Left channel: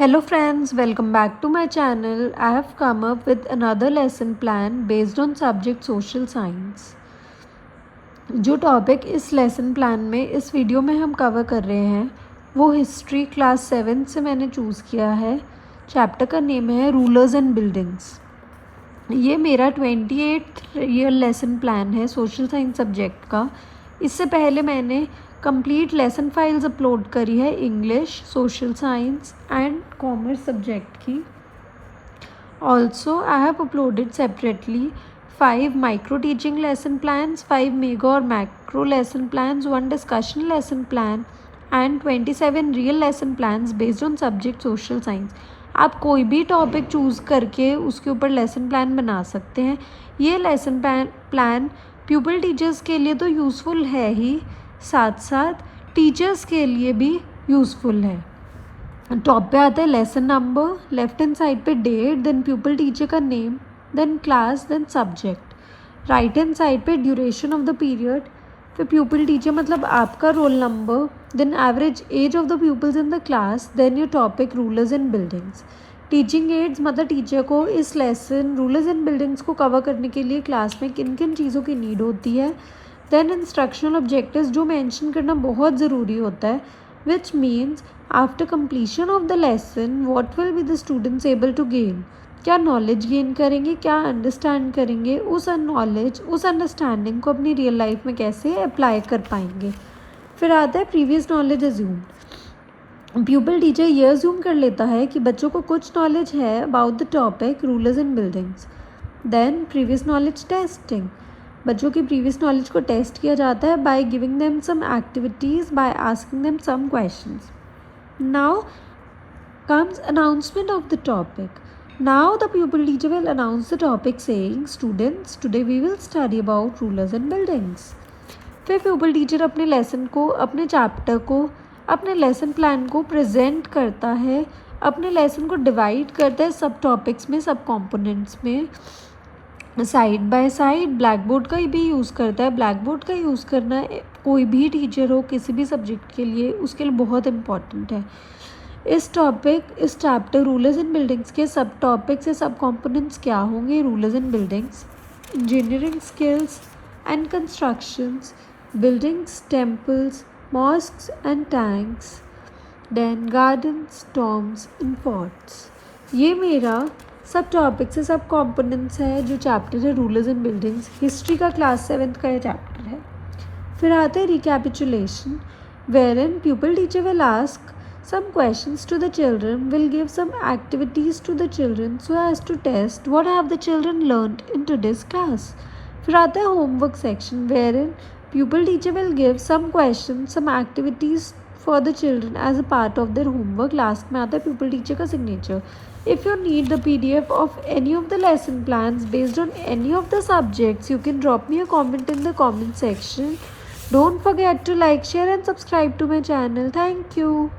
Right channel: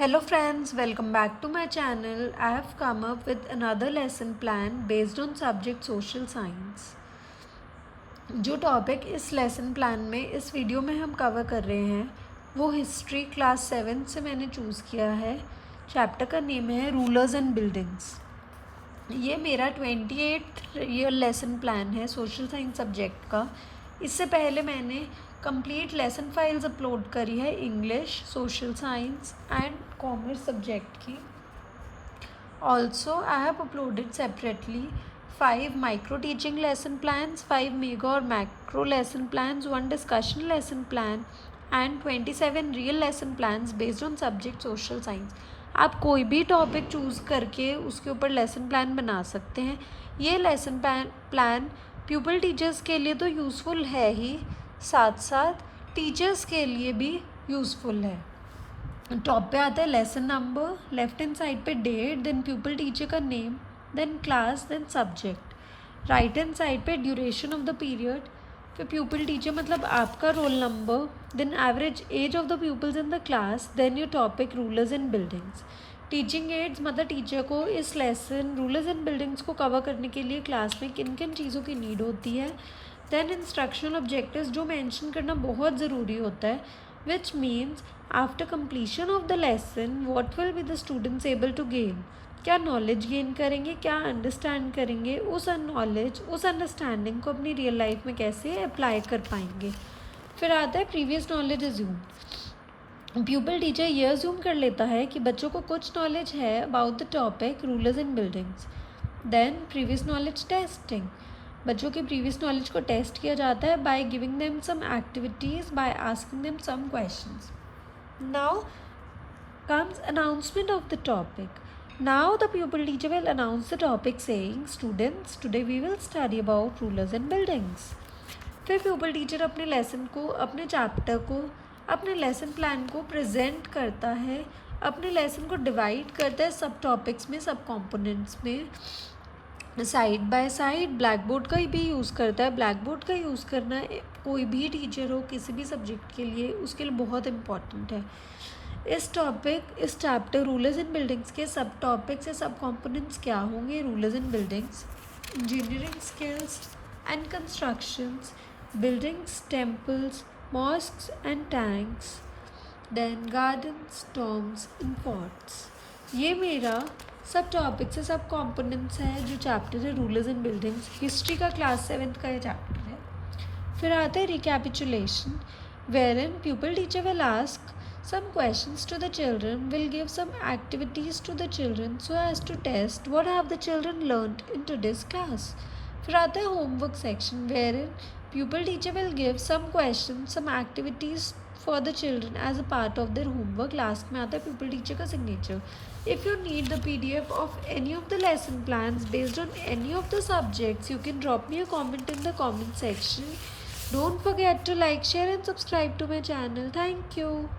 Hello friends, welcome back to my channel. I have come up with another lesson plan based on subject social science. जो topic इस lesson plan में इस video में हम cover कर रहे हैं वो हिस्ट्री क्लास 7 से मैंने चूज़ किया है। चैप्टर का नेम है रूलर्स एंड बिल्डिंग्स। ये मेरा 28th ईयर लेसन प्लान है सोशल साइंस सब्जेक्ट का। इससे पहले मैंने कंप्लीट लेसन फाइल्स अपलोड करी है English, social science and commerce subject की। Also I have uploaded separately 5 micro teaching lesson plans, 5 mega और macro lesson plans, 1 discussion lesson plan and 27 real lesson plans based on subject social science. आप कोई भी topic choose करके उसके ऊपर lesson plan बना सकते हैं। ये लेसन प्लान प्यूपल टीचर्स के लिए तो यूज़फुल है ही, साथ साथ टीचर्स के लिए भी यूज़फुल है। टॉप पे आता है lesson number, left hand side पे डेट, देन प्यूपल टीचर का name, then class, then subject. Right hand side पे ड्यूरेशन ऑफ द पीरियड, फिर प्यूपल टीचर मतलब आपका roll number, then average age of the pupils in the class, then your topic rulers and buildings. Teaching aids मतलब teacher को इस lesson rulers and buildings को cover करने के लिए क्लास में किन किन चीज़ों की नीड होती है। देन इंस्ट्रक्शनल ऑब्जेक्टिव्स जो मेंशन करना बहुत ज़रूरी होता है, which means after completion of the lesson what will be the students able to gain. क्या नॉलेज गेन करेंगे, क्या अंडरस्टैंड करेंगे, उस नॉलेज उस अंडरस्टैंडिंग को अपनी रियल लाइफ में कैसे अप्लाई कर पाएंगे। फिर आता है previous knowledge assume. Pupil teacher ये अज्यूम कर लेता है कि बच्चों को कुछ नॉलेज है about the topic rulers and buildings. Then previous knowledge testing, बच्चों की प्रीवियस नॉलेज को टेस्ट किया जाता है by giving them some activities, by asking them some questions. Now comes announcement of the topic. Now the pupil teacher will announce the topic saying, students, today we will study about rulers and buildings. फिर pupil teacher अपने lesson को, अपने chapter को, अपने lesson plan को present करता है, अपने लेसन को डिवाइड करता है सब टॉपिक्स में, सब कॉम्पोनेंट्स में, side by side. Black board का भी यूज़ करता है। ब्लैक बोर्ड का यूज़ करना कोई भी टीचर हो किसी भी सब्जेक्ट के लिए, उसके लिए बहुत इम्पॉर्टेंट है। इस चैप्टर रूलर्स एंड बिल्डिंग्स के सब टॉपिक्स या सब कॉम्पोनेंट्स क्या होंगे। Rulers and buildings, engineering skills and constructions, buildings, temples, mosques and tanks, then gardens, tombs and forts. ये मेरा सब टॉपिक्स से सब कॉम्पोनेंट्स है जो चैप्टर है रूलर्स एंड बिल्डिंग्स। हिस्ट्री का क्लास 7th का ये चैप्टर है। फिर आता है recapitulation, where in pupil teacher will ask some questions to the children, will give some activities to the children so as to test what have the children learned in today's class. फिर आता है homework section, wherein pupil teacher will give some questions, some activities for the children as a part of their homework. Last में आता है pupil teacher का signature. If you need the PDF of any of the lesson plans based on any of the subjects, you can drop me a comment in the comment section. Don't forget to like, share and subscribe to my channel. Thank you.